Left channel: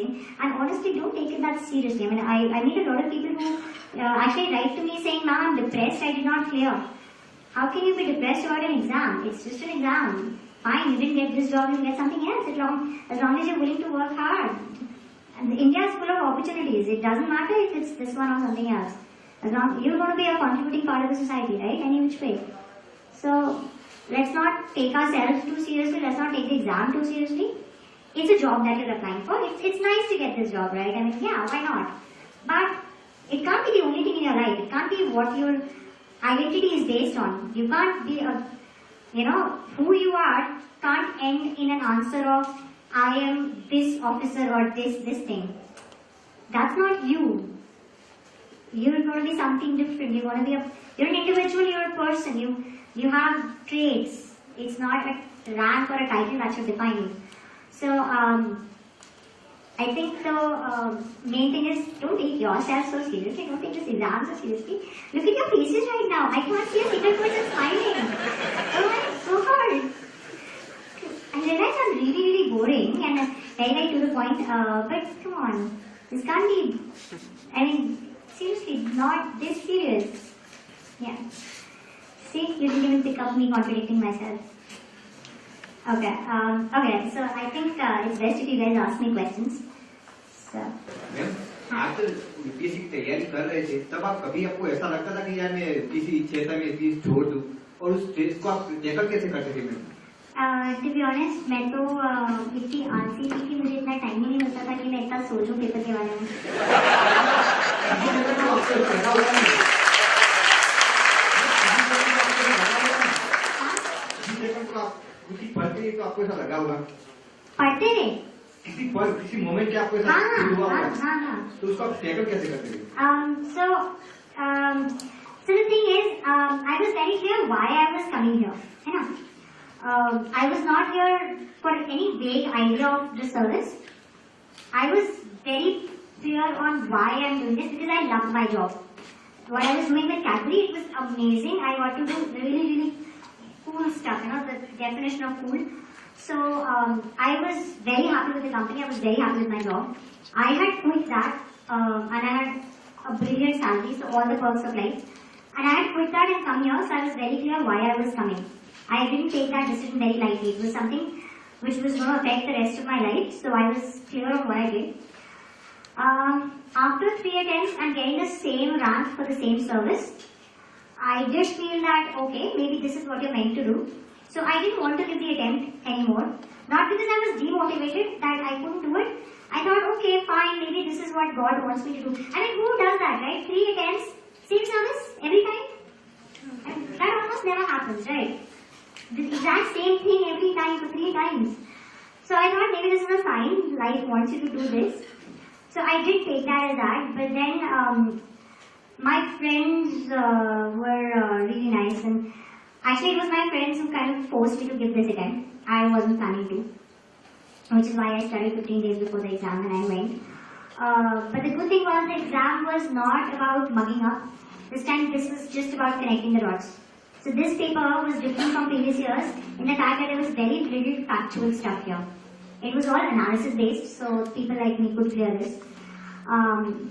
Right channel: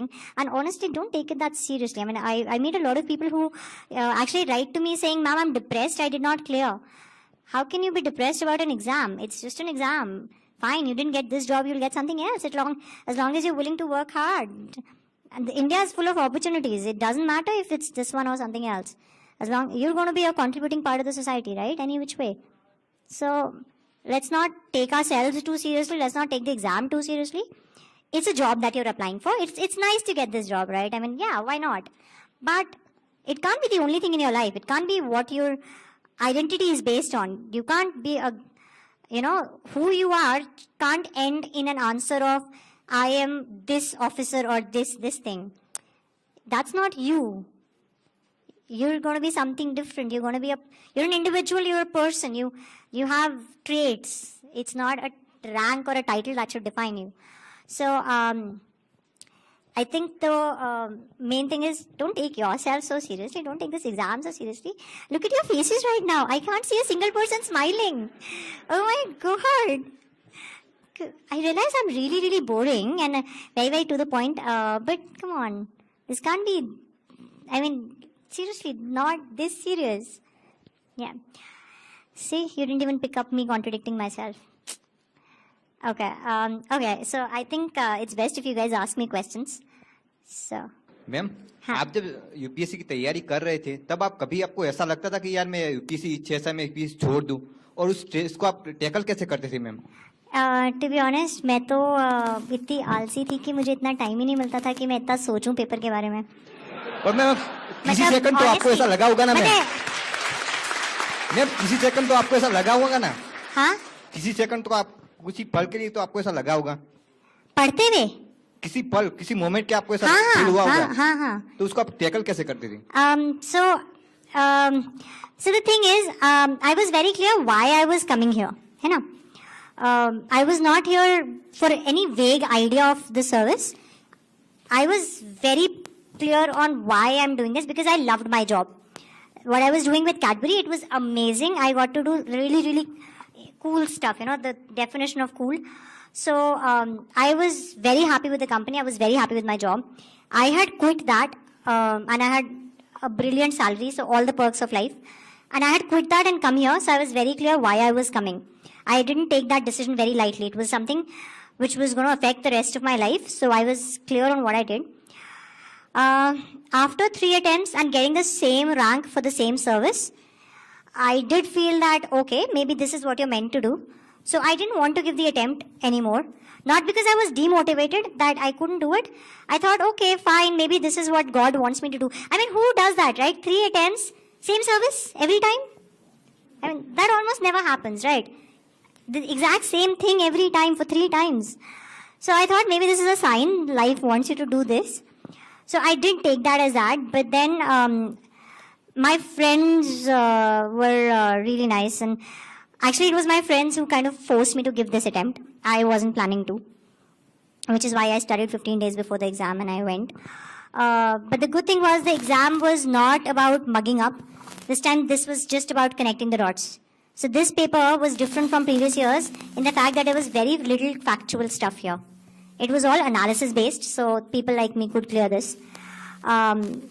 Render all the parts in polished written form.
And honestly, don't take it that seriously. I mean, I meet a lot of people who actually write to me saying, "Ma'am, I'm depressed, I did not clear." How can you be depressed about an exam? It's just an exam. Fine, you didn't get this job, you'll get something else as long as you're willing to work hard. And India is full of opportunities. It doesn't matter if it's this one or something else. As long you're going to be a contributing part of the society, right? Any which way. So let's not take ourselves too seriously. Let's not take the exam too seriously. It's a job that you're applying for. It's nice to get this job, right? I mean, yeah, why not? But it can't be the only thing in your life. It can't be what your identity is based on. You can't be who you are can't end in an answer of I am this officer or this thing. That's not you. You're going to be something different. You're going to be you're an individual. You're a person. You have traits. It's not a rank or a title that should define you. So I think the main thing is don't take yourself so seriously. Don't take this exam so seriously. Look at your faces right now. I can't see a single person smiling. Oh my God. I realize I'm really boring and very to the point. But come on, this can't be. I mean, seriously, not this serious. Yeah. See, you didn't even pick up me contradicting myself. Okay. Okay. So I think it's best if you guys ask me questions. So. Ma'am, आप जब UPSC की तैयारी कर रहे थे, तब आप कभी आपको ऐसा लगता था कि यार मैं यूपीएससी 6 साल में यूपीएससी छोड़ दूं, और उस स्ट्रेस को आप टैकल कैसे करते थे मैम? टू बी ऑनेस्ट, मैं तो इतनी आलसी थी कि मुझे इतना टाइम ही नहीं मिलता था कि मैं इतना सोचूं पेपर के बारे में। किसी सेकंड तो आपको ऐसा लगा होगा ना मैम? किसी सेकंड तो आपको ऐसा लगा होगा ना? हाँ? किसी सेकंड तो आप किसी पल के लिए तो आपको ऐसा लगा होगा? पढ़ते हुए? किसी पल, किसी मोमेंट के आपको ऐसा फील हुआ होगा? हाँ। तो उसको आप टैकल कैसे करते थे? So the thing is, I was very clear why I was coming here, है ना? I was not here for any vague idea of the service. I was very clear on why I'm doing this because I loved my job. What I was doing with Cadbury, it was amazing. I got to do really cool stuff, the definition of cool. So I was very happy with the company. I was very happy with my job. I had quit that and I had a brilliant salary, so all the perks of life. And I had quit that and come here, so I was very clear why I was coming. I didn't take that decision very lightly. It was something which was going to affect the rest of my life, so I was clear on what I did. After 3 attempts and getting the same rank for the same service, I did feel that, okay, maybe this is what you're meant to do. So I didn't want to give the attempt anymore. Not because I was demotivated that I couldn't do it. I thought, okay, fine, maybe this is what God wants me to do. I mean, who does that, right? 3 attempts, same service every time? I mean, that almost never happens, right? The exact same thing every time for 3 times. So I thought maybe this is a sign life wants you to do this. So I did take that as that. But then my friends were really nice, and actually it was my friends who kind of forced me to give this attempt. I wasn't planning to, which is why I studied 15 days before the exam and I went. But the good thing was the exam was not about mugging up. This time this was just about connecting the dots. So this paper was different from previous years in the fact that there was very little factual stuff here. It was all analysis based, so people like me could clear this.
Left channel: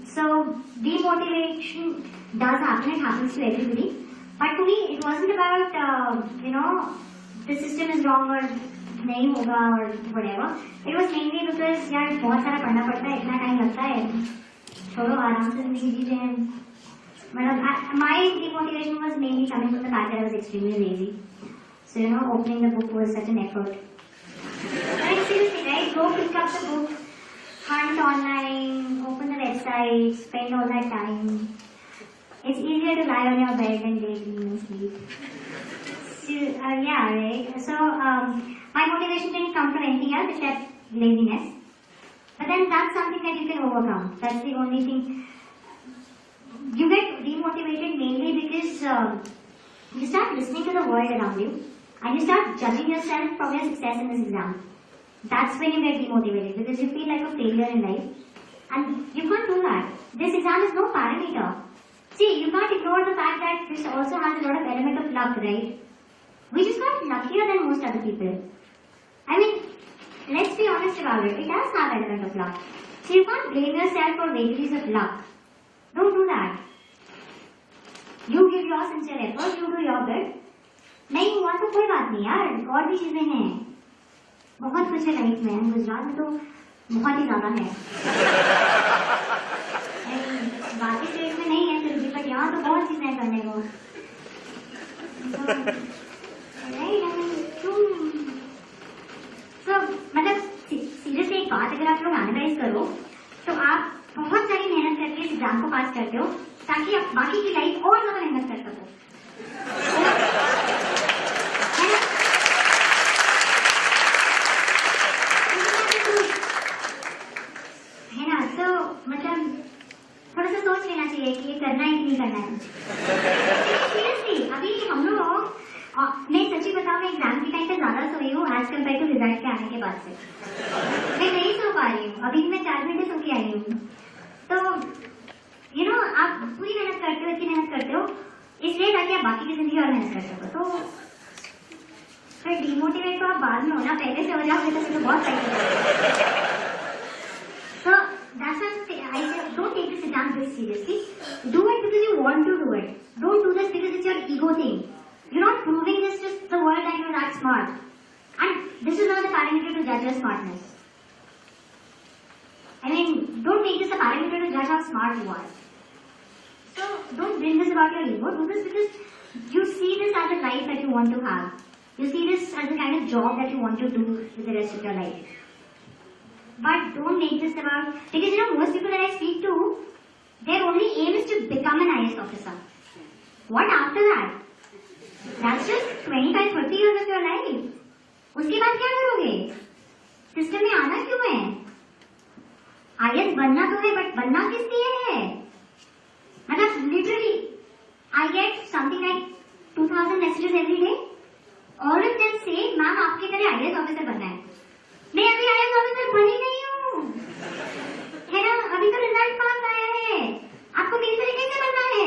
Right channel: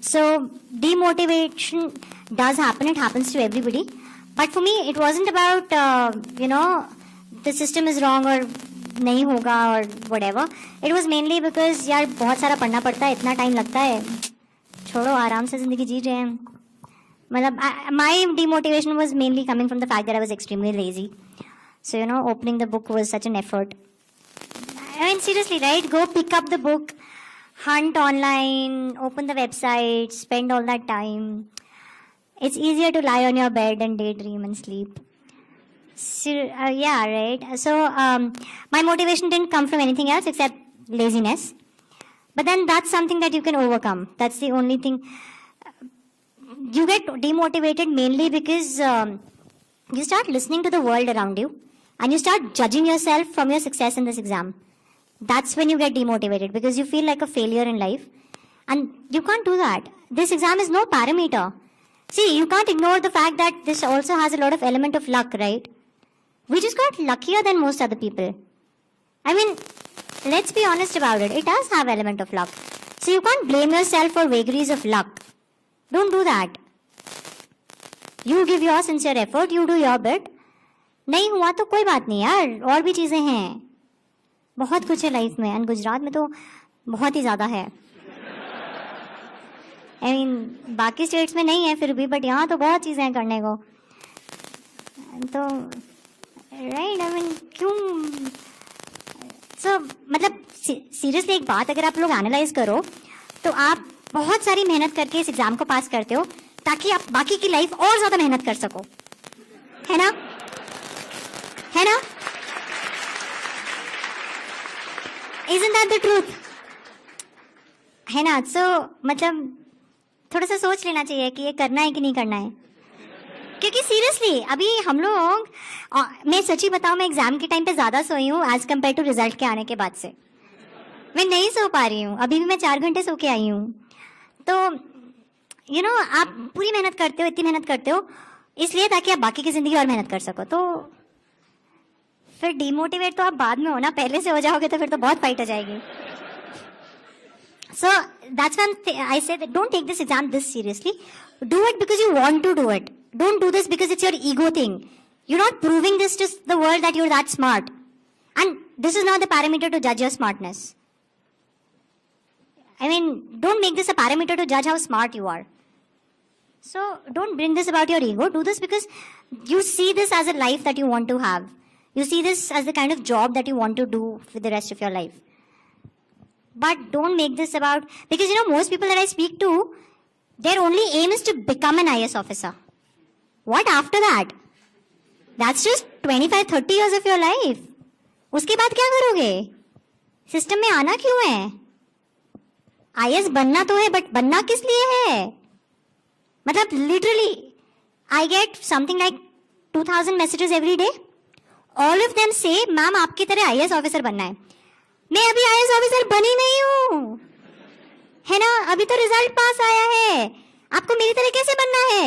So demotivation does happen, it happens to everybody. But for me, it wasn't about, the system is wrong or nahi hoga or whatever. It was mainly because, yaar, बहुत सारा पढ़ना पड़ता है, इतना time लगता है, छोड़ो आराम से ज़िंदगी जी रहे हैं. My demotivation was mainly coming from the fact that I was extremely lazy. So, opening the book was such an effort. I mean, seriously, right? Go pick up the book, hunt online, open the website, spend all that time. It's easier to lie on your bed and daydream and sleep. So, yeah, right? So, my motivation didn't come from anything else except laziness. But then that's something that you can overcome. That's the only thing. You get demotivated mainly because you start listening to the world around you and you start judging yourself from your success in this exam. That's when you get demotivated because you feel like a failure in life. And you can't do that. This exam is no parameter. See, you can't ignore the fact that this also has a lot of element of luck, right? We just got luckier than most other people. I mean, let's be honest about it. It does have element of luck. So you can't blame yourself for vagaries of luck. Don't do that. You give your sincere effort, you do your bit. नहीं हुआ तो कोई बात नहीं यार, और भी चीज़ें हैं, बहुत कुछ है लाइफ में, एंड गुजरात में तो बहुत ही ज़्यादा है. I mean, बाकी स्टेट्स में नहीं है फिर भी, बट यहाँ तो बहुत चीज़ें हैं करने को. तो राइट, आई मीन क्यों. सो मतलब सीरियसली एक बात अगर आप लोग एनालाइज करो तो आप बहुत सारी मेहनत करके इस एग्जाम को पास करते हो ताकि आप बाकी की लाइफ और ज़्यादा मेहनत कर सको, है ना, है ना. Isn't that the truth? है ना. सो मतलब थोड़ा सा सोच लेना चाहिए कि ये करना है कि नहीं करना है, क्योंकि सीरियसली अभी हम लोग, मैं सच्ची बताऊँ, मैं एग्जाम के टाइम पे ज़्यादा सोई हूँ एज कम्पेयर टू रिजल्ट के आने के बाद से. मैं नहीं सो पा रही हूँ, अभी भी मैं 4 घंटे सो के आई हूँ. तो यू नो आप पूरी मेहनत करते हो, इतनी मेहनत करते हो इसलिए ताकि आप बाकी की ज़िंदगी और मेहनत कर सको. तो फिर डिमोटिवेट तो आप बाद में हो ना, पहले से हो जाओगे तो फिर तो बहुत फाइट हो जाएगी. So that's why I said don't take this exam this seriously. Do it because you want to do it. Don't do this because it's your ego thing. You're not proving this to the world that you're that smart. And this is not the parameter to judge your smartness. I mean, don't make this a parameter to judge how smart you are. So don't bring this about your ego. Do this because you see this as a life that you want to have. You see this as the kind of job that you want to do with the rest of your life. But don't make this about, because you know most people that I speak to, their only aim is to become an IS officer. What after that? That's just 25-30 years of your life. उसके बाद क्या करोगे? System में आना क्यों है? IS बनना तो है, बट बनना किस लिए है? मतलब literally, I get something like 2000 messages every day. All of them say, ma'am आपकी तरह IS ऑफिसर बनना है. मैं अभी IS ऑफिसर बनी नहीं हूँ, है ना, अभी तो रिजल्ट पास आया है. आपको मेरी तरह कैसे बनना है?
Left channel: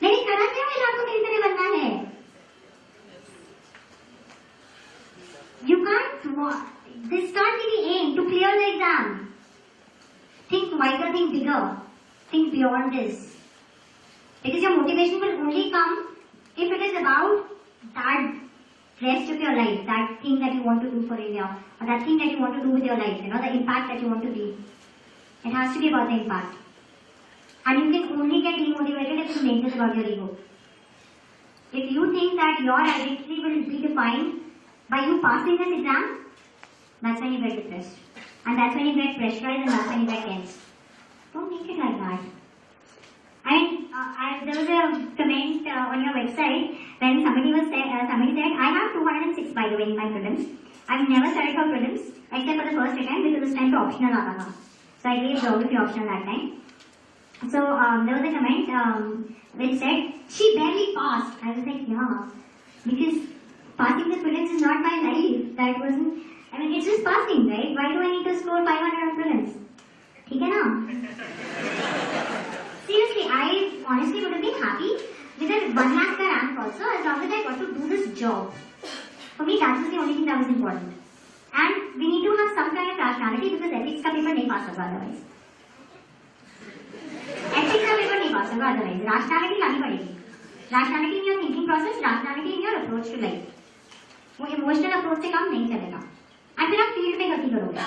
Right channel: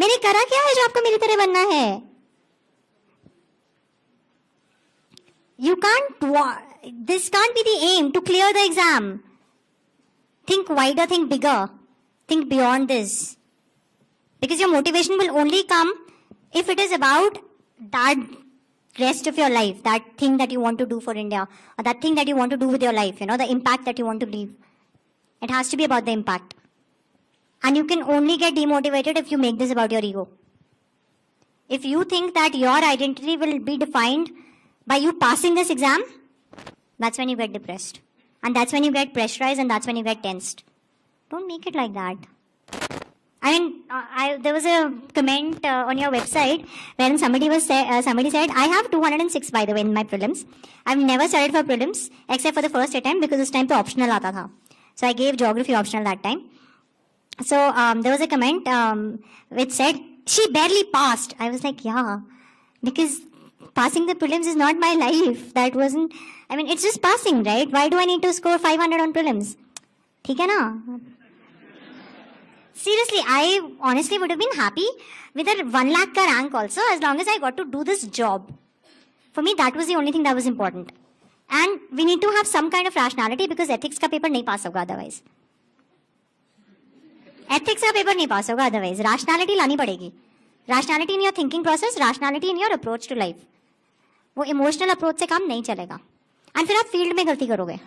मैंने करा क्या है जो आपको मेरी तरह बनना है? You can't, this can't be the aim to clear the exam. Think wider, think bigger, think beyond this. Because your motivation will only come if it is about that rest of your life, that thing that you want to do for India, or that thing that you want to do with your life, you know, the impact that you want to leave. It has to be about the impact. And you can only get demotivated if you make this about your ego. If you think that your identity will be defined by you passing this exam, that's when you get depressed. And that's when you get pressurized, and that's when you get tensed. Don't make it like that. And there was a comment on your website when somebody said, I have 206 by the way in my prelims. I've never studied for prelims except for the first attempt because this time to optional aata tha. So I gave geography optional that time. So there was a comment which said, she barely passed. I was like, yeah, because passing the prelims is not my life. That wasn't, I mean, it's just passing, right? Why do I need to score 500 on prelims? ठीक है ना? Seriously, I honestly would have been happy with a 1 lakh ka rank also, as long as I got to do this job. For me, that was the only thing that was important. And we need to have some kind of rationality because ethics ka paper nahi pass hoga otherwise. Ethics ka paper nahi pass hoga otherwise. Rationality lani padegi. Rationality in your thinking process, rationality in your approach to life. वो emotional approach से काम नहीं चलेगा. और फिर आप field में गलती करोगे.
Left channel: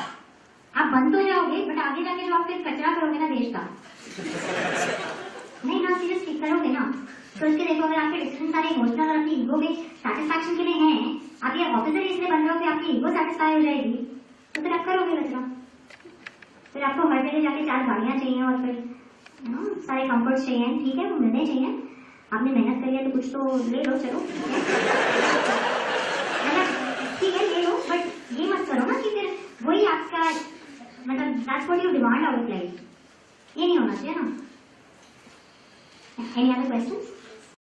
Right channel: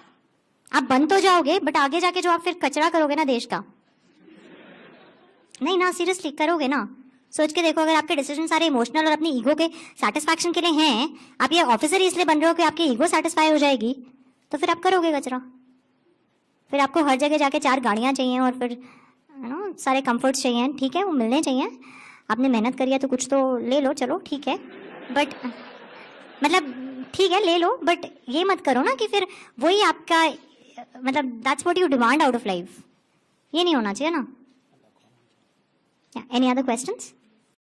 आप बन तो जाओगे, बट आगे जाके जो आप फिर कचरा करोगे ना देश का, नहीं ना, सीरियसली करोगे ना. सोच के देखो, अगर आपके डिसीजन सारे इमोशनल और अपनी ईगो के सेटिस्फैक्शन के लिए हैं, आप ये ऑफिसर इसलिए बन रहे हो कि आपकी ईगो सेटिस्फाई हो जाएगी, तो फिर आप करोगे कचरा. फिर आपको हर जगह जाके 4 गाड़ियाँ चाहिए और फिर है ना सारे कंफर्ट्स चाहिए. ठीक है, वो मिलने चाहिए. आपने मेहनत करी है तो कुछ तो ले लो, चलो ठीक है, बट मतलब ठीक है ले लो, बट ये मत करो ना कि फिर वही आपका, मतलब that's what you demand out of life. ये नहीं होना चाहिए ना. Any other questions?